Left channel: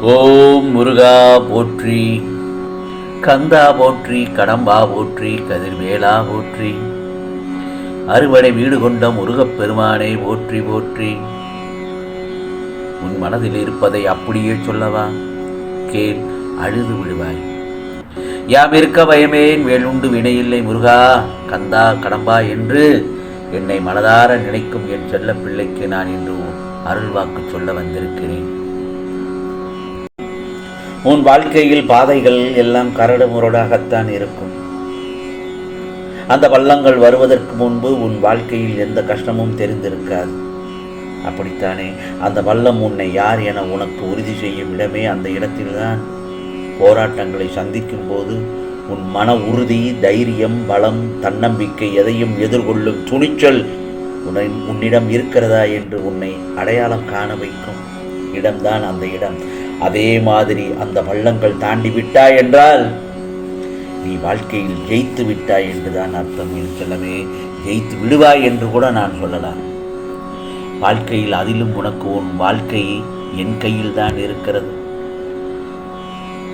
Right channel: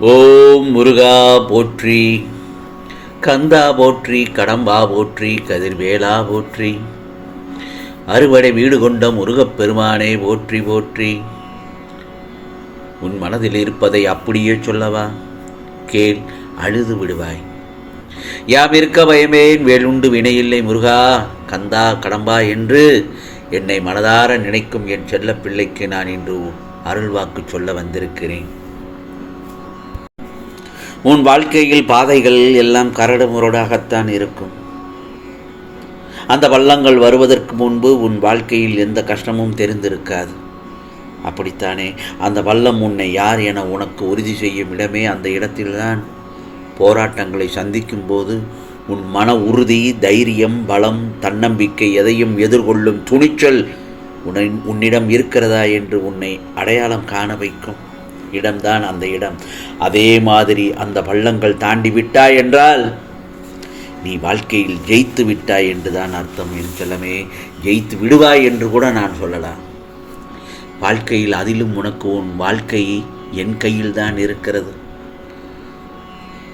ஓம் முருகா போற்றி கந்தா போற்றி கடம்பா போற்றி கதிர்வேலா போற்றி அறுவடை வீடு கொண்ட முருகப்பெருமானே போற்றி போற்றி. உன் மனதில் இருப்பதை அப்படியே சொல்லவா? கேள் அழுது விடுவாய். யாம் இருக்க பயமேன் வேலுண்டு வினையில்லை முருகா கந்தா கடம்பா என்று என்னை மனதார நினைக்கும் என் செல்ல பிள்ளைக்கு நான் இன்று அருள்வாக்கு சொல்ல வந்திருக்கிறேன். உன் வாழ்க்கையில் பாதைகள் எல்லாம் கரடு முரடாகத்தான் இருக்கும். அந்த வள்ளங்கள் வருவதற்கு முன்பு உன் வாழ்க்கையில் எந்த கஷ்டமும் தெரிந்திருக்காது. அப்படித்தானே? அந்த வல்லம் உன்னை யார் என உனக்கு உறுதி செய்யும் இடமே அந்த இடத்தில்தான். போராட்டங்களை சந்திக்கும் போது உன் மன உறுதி தைரியம் பலம் தன்னம்பிக்கை எதையும் எதிர்கொள்ளும் துணிச்சல் உன்னை உன்னிடம் இருக்கிறதா என்று உன்னை அடையாளம் காண வைக்கும். இடம்தான் அந்த இடம். அதே மாதிரி அந்த பள்ளங்கள் தாண்டி விட்டாய் என்றால் நீ வாழ்க்கையில் ஜெயித்து விட்டாய் என்றுதான் அர்த்தம். என் செல்லமே ஜெயித்து விடுவாய் என்று கூட நான் சொல்லலாம். வாழ்க்கையில் அதிலும் உனக்கு உன் வாழ்க்கை என் கையில் தான் இருக்கிறது.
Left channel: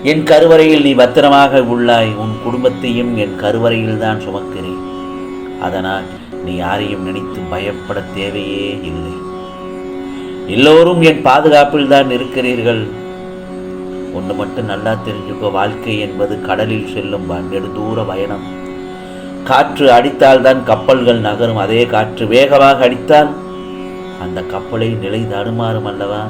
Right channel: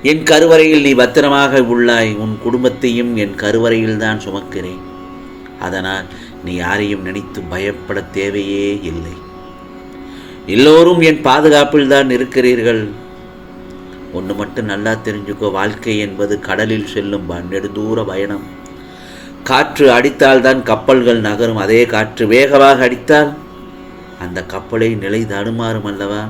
என் கருவறையில் நீ பத்திரமாக உள்ளாய். உன் குடும்பத்தையும் என் கருவறையில் தான் சுமக்கிறேன். அதனால் நீ யாரையும் நினைத்து பயப்பட தேவையே இல்லை. எல்லோரும் என் பாதுகாப்பில் தான் இருக்கிறீர்கள். ஒன்று மட்டும் நல்லா தெரிஞ்சுக்கோ வாழ்க்கை என்பது கடலில் செல்லும் நெடுதூர பயணம். காற்று அடித்தால் தான் கப்பல்கள் நகரும் அதே காற்று வேகமாக அடித்தால் அந்த கப்பலை நிலை தடுமாறும் அல்லவா?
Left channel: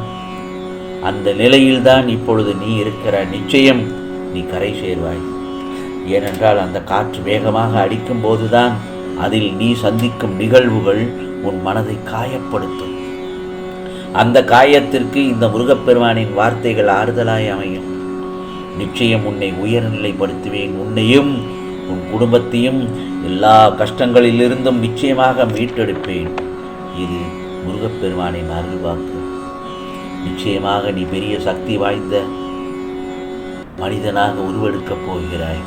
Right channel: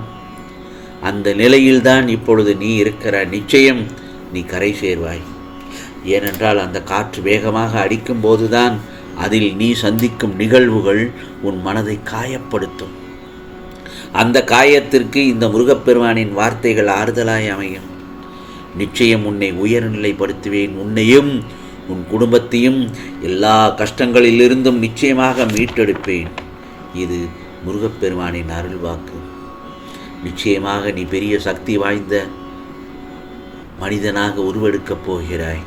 அந்த நிலையில்தான் இப்பொழுது நீ இருக்கிற நிச்சயம் நீ கரை சேர்வாய். ஏனென்றால் அந்த காற்று வேகமாக அடிக்கும் போதுதான் அதில் நீ சந்திக்கும் நிகழ்வுகள் உன் மனதை காயப்படுத்தும். அந்த காயத்திற்கு இந்த முருகப்பெருமானின் வார்த்தைகள் ஆறுதலாய் அமையும். நிச்சயம் உன்னை உயர்நிலைப்படுத்துவேன். உன்னையும் உன் குடும்பத்தையும் எல்லா கஷ்டங்களிலிருந்தும் நிச்சயமாக மீட்டெடுப்பேன். இது முருகப்பெருமானின் அருள்வாக்கு. நிச்சயமாக நீ பெரிய சக்தி வாய்ந்த மனிதனாக உருவெடுக்கப் போகிறாய்.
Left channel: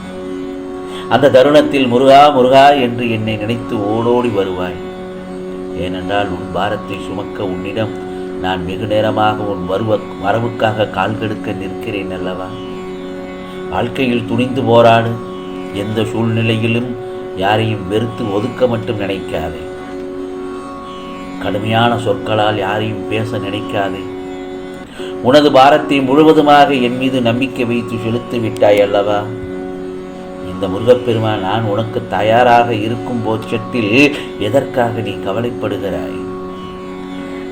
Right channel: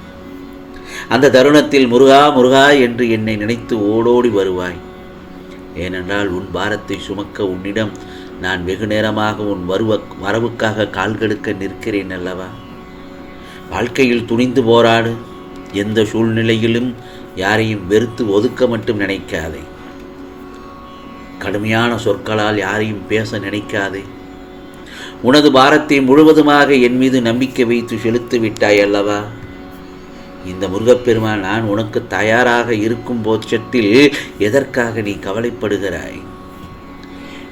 அந்த தருணத்தில் முருகா முருகா என்று என்னை நினைத்து ஓடோடி வருவாய். ஏனென்றால் உன் பாரத்தை சுமக்க உன்னிடம் நான் வெகு நேரமாக உன் வருவ வரவுக்காக கால் கெடுக்க நிற்கிறேன் அல்லவா? வாழ்க்கையில் துணிந்து போராடு. எந்த சூழ்நிலையிலும் யாரையும் வெறுத்து ஒதுக்க மட்டும் நினைக்காதே. கடுமையான சொற்களால் யாரையும் பேச நினைக்காதே. உனது பாரத்தை முழுவதுமாக என் மீது நம்பிக்கை வைத்து செலுத்து விட்டாய் அல்லவா? இந்த முருகப்பெருமான் நான் உனக்கு தயாராக இருக்கும் போச்சத்தில் எதற்காக நீ கவலைப்படுகிறாய்?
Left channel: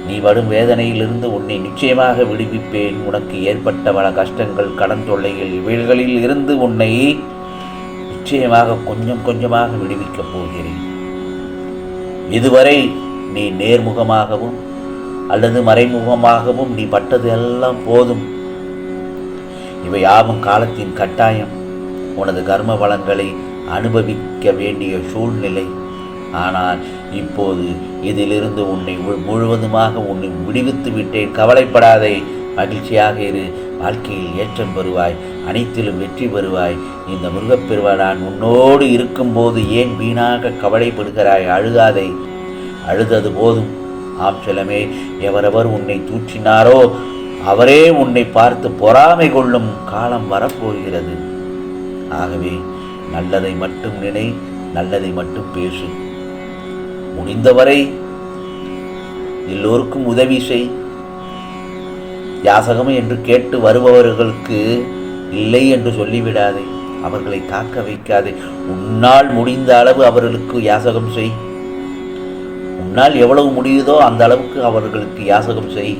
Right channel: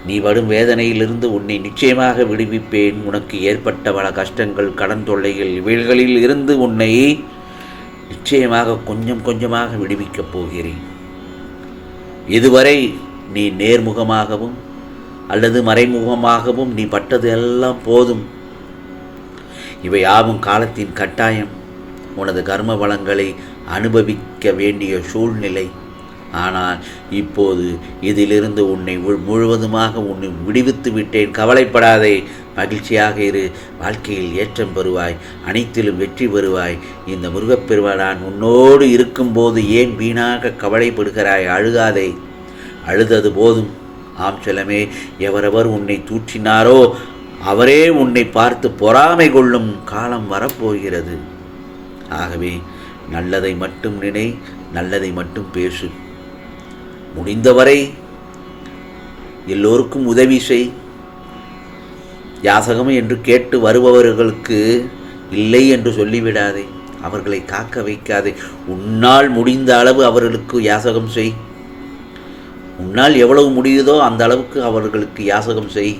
நீ வரும் வேதனையிலிருந்து உன்னை நிச்சயமாக விடுவிப்பேன். உனக்கு ஏற்பட்ட பல கஷ்டங்கள் கடன் தொல்லைகள் இவைகளில் இருந்து உன்னை நிச்சயமாக கொஞ்சம் கொஞ்சமாக விடுவிக்கப் போகிறேன். இதுவரை நீ நேர்முகமாகவும் அல்லது மறைமுகமாகவும் நீ பட்டது எல்லாம் போதும். இவை யாவும் காலத்தின் கட்டாயம். உனது கர்ம வளங்களை அனுபவிக்க வேண்டிய சூழ்நிலை ஆனால் இப்போது இதிலிருந்து உன்னை முழுவதுமாக உன்னை விடுவித்து விட்டேன். கவலைப்படாதே. மகிழ்ச்சியாக இரு. வாழ்க்கையில் ஏற்றம் பெறுவாய். அனைத்திலும் வெற்றி பெறுவாய். இந்த முருகப்பெருவான் உன்னோடு இருக்கும்போது ஏன் வீணாக கவலைப்படுகிறாய்? அழுகாதே. அழுதது போதும். ஆம் செல்லமே. எவரவர் உன்னை தூற்றினாரோ அவரே உன்னை பார்த்து பொறாமை கொள்ளும் காலம் வரப்போகிறது. ஆகவே நல்லதை மட்டும் நினை நல்லதை மட்டும் பேசு. முடிந்தவரை எல்லோருக்கும் உதவி செய். யாசகம் என்று கேட்டு வருபவர்களுக்கு இல்லை என்று சொல்லிவிடாதே. அவர்களை காக்க வைக்காதே. உன்னால் முடிந்த அளவு அவர்களுக்கு யாசகம் செய். உன்னால் எவ்வளவு முடியுதோ அந்த அளவுக்கு அவர்களுக்கு யாசகம் செய்.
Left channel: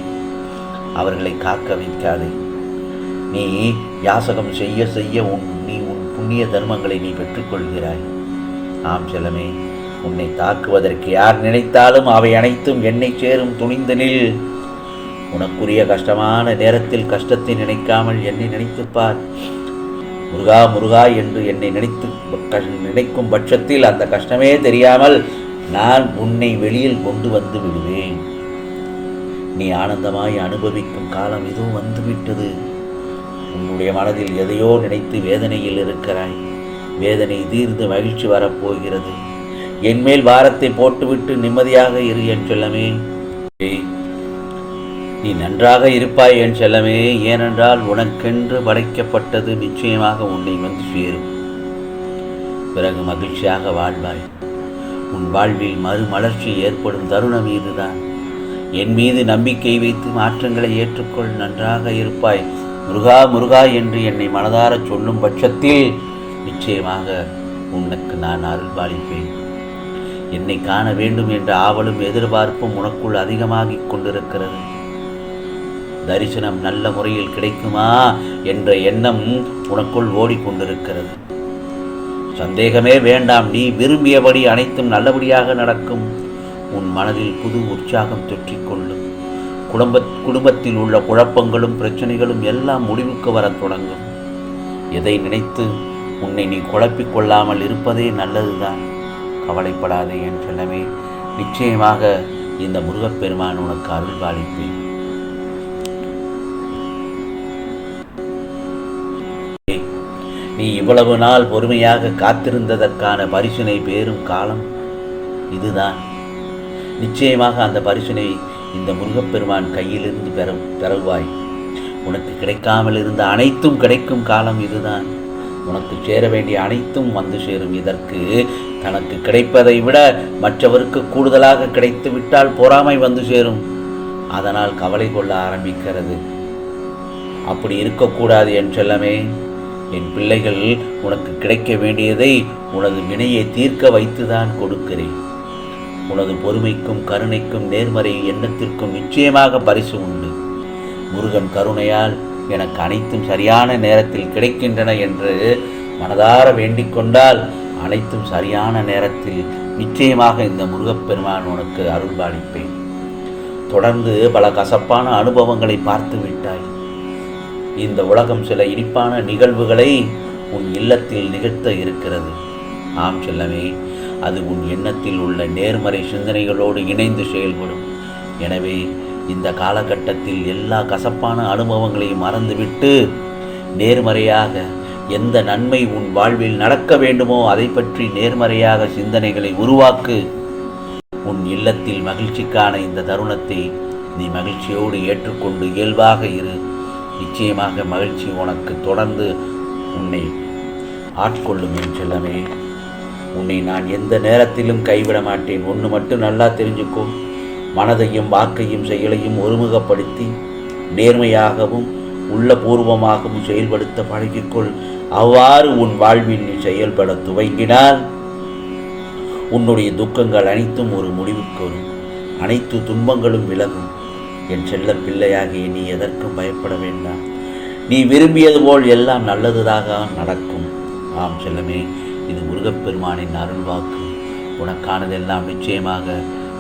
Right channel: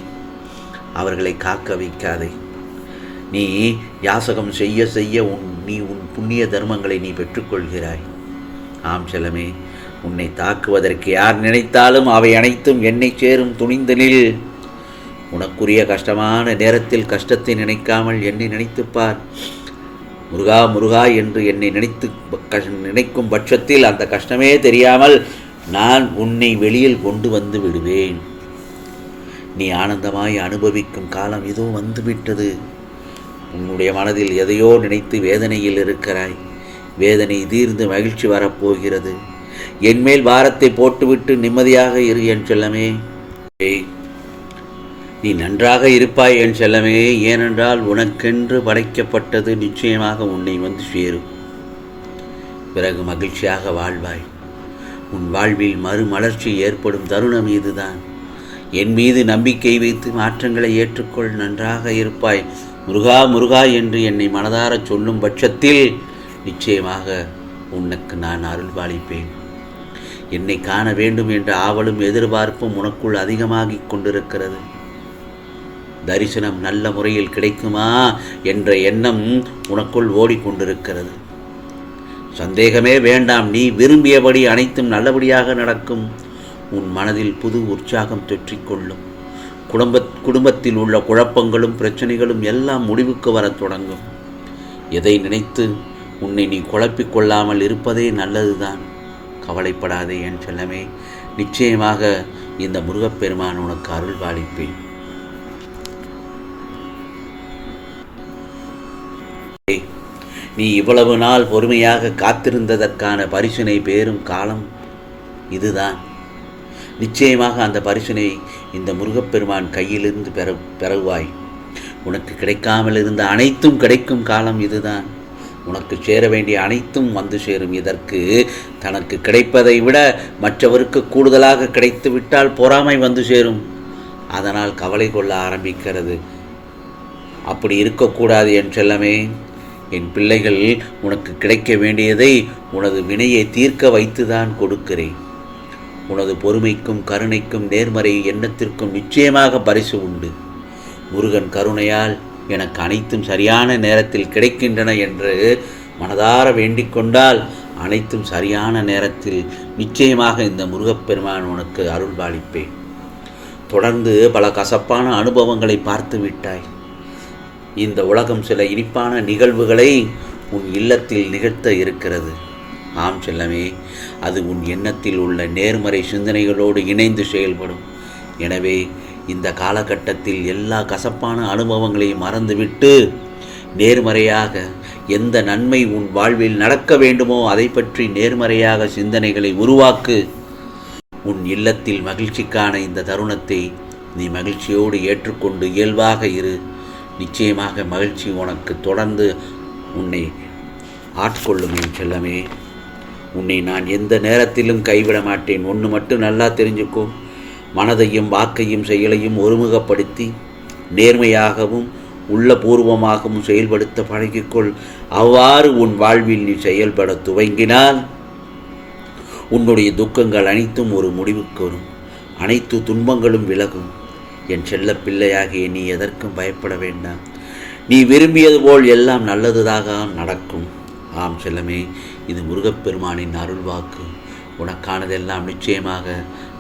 அவர்களை காக்க வைக்காதே. நீ யாசகம் செய்ய செய்ய உன் நீ உன் புண்ணிய தர்மங்களை நீ பெற்றுக்கொள்கிறாய். ஆம் செல்லமே. உன்னை தாக்குவதற்கு யார் நினைத்தாலும் அவை அனைத்தும் என்னை சேரும் துணிந்தனில் உனக்குரிய கஷ்டமான நேரத்தில் கஷ்டத்தை நினைக்காமல் என்னை நினைத்துப்பார் முருகா முருகா என்று என்னை நினைத்து நினைக்கும் பட்சத்தில் அந்த கஷ்டமே தெரியாமல் நான் உன்னை வெளியில் கொண்டு வந்து விடுவேன். நீ ஆனந்தமாய் அனுபவிக்கும் காலம் இதோ வந்துவிட்டது. உன்னுடைய மனதில் எதையோ நினைத்து வேதனையில் இருக்கிறாய். வேதனை தீர்ந்து மகிழ்ச்சி வரப்போகிறது. என்மேல் பாரத்தை போட்டுவிட்டு நிம்மதியாக இரு என் செல்லமே. நீ நன்றாக இருப்பாய் என் செல்லமே. ஏனென்றால் உனக்கென்று படைக்கப்பட்டது நிச்சயமாக உன்னை வந்து சேரும். பிறகு மகிழ்ச்சியாக வாழ்வாய். உன் வாழ்வில் மறுமலர்ச்சி ஏற்படும் தருணம் இதுதான். என் மீது நம்பிக்கை வைத்து மாற்றங்களை ஏற்றுக்கொள். நன்றாக இருப்பாய். முருகா முருகா என்று என்னை மனதாரச் சொல்லும் பட்சத்தில் நிச்சயமாக உனக்கு நான் அருள்பாலிப்பேன். என்னை காண வேண்டும் என்ற ஆவலும் எதிர்பார்ப்பும் உனக்குள் அதிகமாகிக் கொண்டிருக்கிறது. தரிசனம் நல்ல முறையில் கிடைக்குமா என்ற எண்ணம் உனக்குள் ஓடிக்கொண்டிருக்கிறது. சந்தேகமே வேண்டாம் நீ விரும்பியபடி அனைத்தும் நல்லபடியாக நடக்கும். உன் மனதில் புது உற்சாகம் தொற்றிக்கொள்ளும். குடும்ப குடும்பத்தில் உள்ள குழப்பங்களும் பிரச்சனைகளும் எல்லாம் முடிவுக்கு வரத் தொடங்கும். எதை நினைத்து உன்னை நீ குழப்பிக்கொள்ளாமல் இருப்பதே நல்லதுதான். கவலைப்படாதே என் செல்லமே. நிச்சயமாக இந்த முருகப்பெருமான் உனக்கு அருள் பாலிப்பேன். நீ இவ்வளவு நாள் பொறுமையாக காத்திருந்ததற்கான பரிசுனை பேரும் காலம் இதுதான். நிச்சயமாக அந்த பரிசுனை இந்த முருகப்பெருமான் கையிலிருந்து பெற பெறுவாய். உனக்கு கிடைக்காமல் இருந்த அனைத்தும் கிடைக்கும் காலம் இதுதான். உனக்கு சேர வேண்டிய அனைத்தும் வந்து சேரும். இதற்கு தனக்கு கிடைப்பதை விட மற்றவருக்கு கூடுதலாக கிடைத்து விட்டால் பொறாமை வந்து சேரும். அதனால் கவலை கொள்ள ஆரம்பிக்கிறது. அப்படி இருக்கக்கூடாது என் செல்லமே. என் பிள்ளைகள் உனக்கு கிடைக்க வேண்டியதை உனது வினையை தீர்க்க வைத்துதான் கொடுக்கிறேன். உனது பொறுமைக்கும் கருணைக்கும் நேர்மறை எண்ணத்திற்கும் நிச்சயமாக பரிசு உண்டு. முருகன் கருணையால் எனக்கு அனைத்தும் சரியான நேரத்தில் கிடைக்கின்றன என்று மனதார வேண்டிக்கொண்டால் அனைத்தும் சரியான நேரத்தில் நிச்சயமாக இந்த முருகப்பெருமான் உனக்கு அருள்பாலிப்பேன். தொடர்ந்து பல கசப்பான அனுபவங்களை பார்த்து விட்டாய். இந்த உலகம் சில இனிப்பான நிகழ்வுகளை உன் இல்லத்தில் நிகழ்த்த இருக்கிறது. ஆம் செல்லமே அது உன் எண்ணத்தில் உள்ள நேர்மறை சிந்தனைகளோடு இணைந்து செயல்படும். எனவே இந்த காலகட்டத்தில் எல்லா கசப்பான அனுபவங்களையும் மறந்துவிட்டு நேர்மறையாக எந்த நன்மை உன் வாழ்வில் நடக்க வேண்டுமோ அதை பற்றி நேர்மறையாக சிந்தனைகளை உருவாக்கு. உன் இல்லத்தில் மகிழ்ச்சிக்கான இந்த தருணத்தை நீ மகிழ்ச்சியோடு ஏற்றுக்கொண்டு இயல்பாக இரு. நிச்சயமாக மகிழ்ச்சி உனக்கு தொடர்ந்து உன்னை ஆட்கொள்ளும் என் செல்லமே. உன்னை நான் எந்த நேரத்திலும் கைவிட மாட்டேன். ஒன்று மட்டும் நல்லா தெரிஞ்சுக்கோ. மனதையும் வாக்கையும் செயலையும் ஒருமுகப்படுத்தி நேர்மையாகவும் உள்ளபூர்வமாகவும் செயல்படுத்த பழகிக்கொள். அவ்வாறு உன் வாழ்வில் நீ செயல்பட துவங்கினால் உன்னுடைய துக்கங்கள் அனைத்தும் ஒரு முடிவுக்கு வரும். அனைத்து துன்பங்களும் விலகும். என் செல்ல பிள்ளையாகிய நீ எதற்கும் பயப்பட வேண்டாம். நீ விரும்பியது போல் எல்லாம் நல்லதுதாக நடக்கும். ஆம் செல்லமே இது முருகப்பெருமானின் அருள்வாக்கு. உனக்கானதெல்லாம் நிச்சயமாக